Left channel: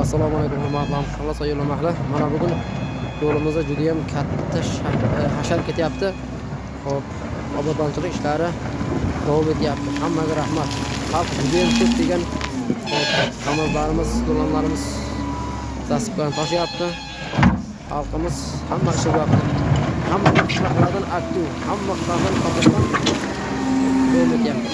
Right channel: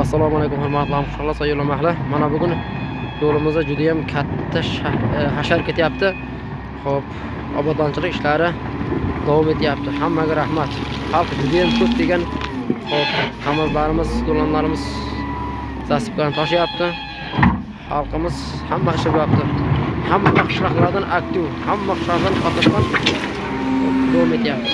Assalomu alaykum hurmatli hamshirlar, sayyohlar mahli. Mana bugun yo'limizda juda ham katta hashar ketyapti. Xo'p, obodonchilik ishlari davom etyapti. Hammaga rahmat. Xalq juda ham ko'p degan. Xo'p, qamazlarimiz, do'lanlarimiz tasdiqlarni toshyapti. Xalqimiz hamma ishlayapti. Hamma qishloqlardan aktiv, hamma qishloqlardan qatnashgan davom etyapti.